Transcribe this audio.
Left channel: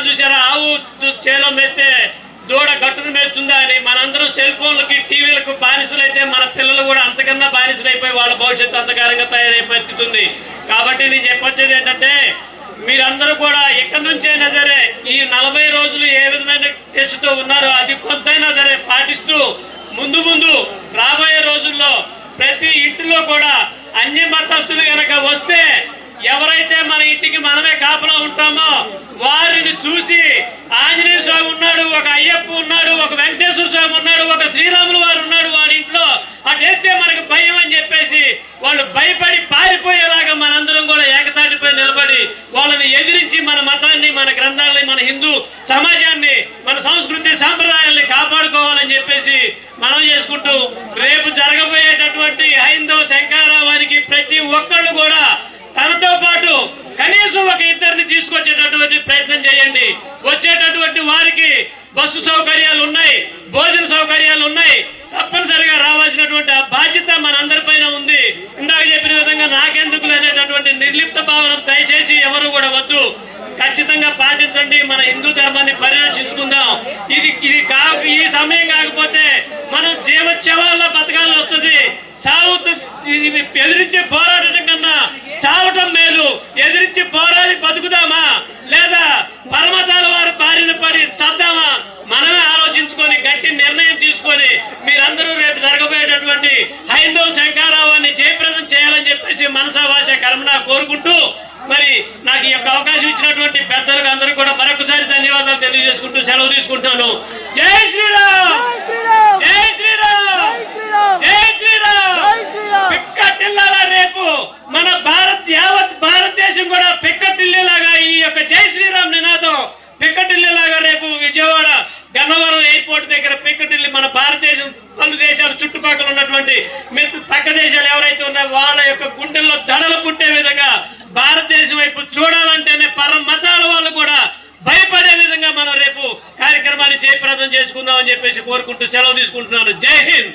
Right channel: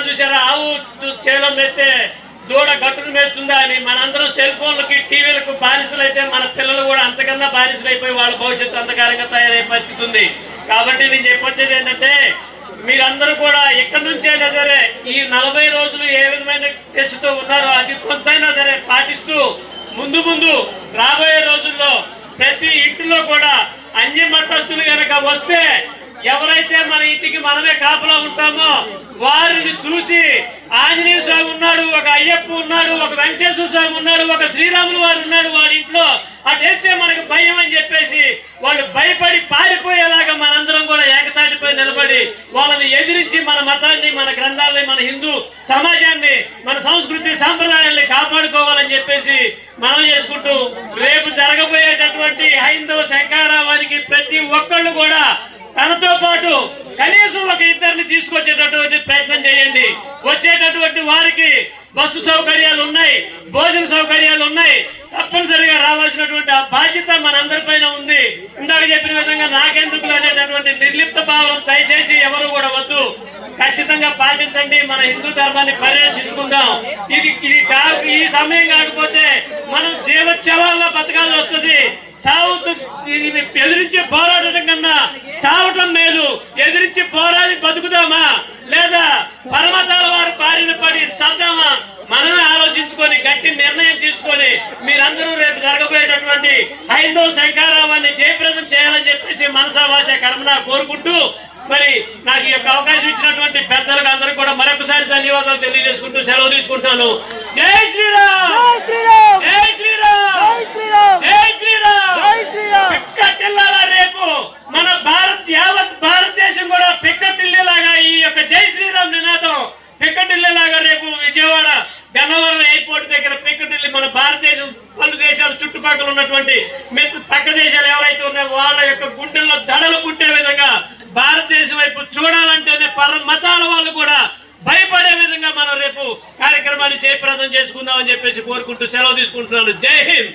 అంటారు చూసారా, ఆవు చేలం ఎత్తే దూడ గట్టును మేస్తుందా అని. మనందరం సెల్ ఫోన్లకి టీవీలకు బానిసలు అయితే మన పిల్లలు కూడా అంతకన్నా బానిసలు అయిపోయి వాళ్ళ భవిష్యత్తు అంతకారంగా తయారయ్యే పరిస్థితి ఉంది. కాబట్టి నేను చెప్పొచ్చేది ఏంటంటే, మీరందరూ కూడా ఎక్కడి నుంచైనా సరే ఈ 40 రోజులు ఏ విధమైన తెచ్చుతూ ఉన్నారో అది కొంతైనా సరే పాటిస్తూ ముందు రాబోయే రోజుల్లో ప్రతి ఇంటిలో కూడా అన్య మతస్థులు కనుక వస్తే, ఎవరైతే మన ఇంటికి మనమే కాపలా ఉంటామో వారిని చూసి ఆంజనేయ స్వామి ఉన్నాడు, ఒక అయ్యప్ప ఉన్నాడు, ఒక వెంకటేశ్వర స్వామి ఉన్నాడు, ఒక శ్రీరాములు వారు ఉన్నాడు వాడి ఇంట్లో, అటైతే మనకి భయం అని చెప్పేసి వాళ్ళు భయపడి పారిపోయేలాగా మనందరం కూడా ఏకతాటిపై నిలబడి వాళ్ళని ఎదిరించి మన మతాన్ని, మన గ్రంథాలని, మన హిందూ సమాజాన్ని, మన సంస్కృతి సాంప్రదాయాల్ని కాపాడుకోవాలని చెప్పేసి మనం చేసుకుంటూ, రేపు జరగబోయేటటువంటి హైందవ శంకరావానికి ప్రతి ఒక్కళ్ళు కూడా తనతో పాటు కనీసం ఒక ఇద్దరిని తీసుకొచ్చేటటువంటి ప్రయత్నం చేయండి. వచ్చేటటువంటి వారికి బస్సు సౌకర్యాలు ఉన్నాయి, భోజన సౌకర్యాలు ఉన్నాయి. తప్పనిసరిగా రావాల్సినటువంటి ఆ బాధ్యత మనందరిపైన ఉంది. ఇందాక చెప్పిన విధంగా నాకెందుకు అనేటటువంటి నిర్లిప్త భావన దయచేసి ఎవరు కూడా వద్దు. ఖచ్చితంగా పాటించండి. మన హిందూ ధర్మాన్ని పరిరక్షించుకుందాం. ఈ సమయం కాకపోతే మనం జీవోత్సవాల్లో బతకాల్సి వస్తుంది. ఎదిరించి పోరాడటం కన్నా చావటం మేలు. ఎదిరించి పోరాడి బతుకుదామా లేదా పరమతాల వారి బారిన పడి చద్దామా? మనమే ఆలోచించుకొని గట్టి నిర్ణయం తీసుకొని మీరందరూ రేపు జరగబోయేటటువంటి హైందవ శంకరావాన్ని జయప్రదం చేయాలని చెప్పేసి మనసా భాష కర్మనా కోరుకుంటూ, మరి నాకు ఈ యొక్క అవకాశం ఇచ్చినటువంటి పెద్దలకు అందరూ కూడా మరొకసారి ధన్యవాదాలు తెలియజేసుకుంటూ సెలవు తీసుకుంటాను. జై శ్రీరామ్, జై శ్రీరామ్, జై శ్రీరామ్. పిక్కటిల్లారా రేపు మన యావత్ భారతదేశం కూడా పిక్కటిల్లేలాగా ఈ యొక్క జై శ్రీరామ్ నినాదం పిక్కటిల్లేలాగా రేపు విజయవాడ గన్నవరం ఎయిర్పోర్ట్ దగ్గర పిక్కటిల్లి మన భారతదేశం పలు దేశాలు చుట్టుపక్కల ఉన్నటువంటి పక్క దేశాలు ఎవరైతే ఉన్నారో వాళ్ళ యొక్క గుండెల్లో దడలు పుట్టే విధంగా భారతదేశం వైపు చూడాలంటేనే పర మతాల వాళ్ళు కూడా భయపడే విధంగా మనం రేపు కార్యక్రమాన్ని జయప్రదం చేసుకుందామని చెప్పేసి కోరుకుంటూ సెలవు తీసుకుంటున్నాను. జై హింద్.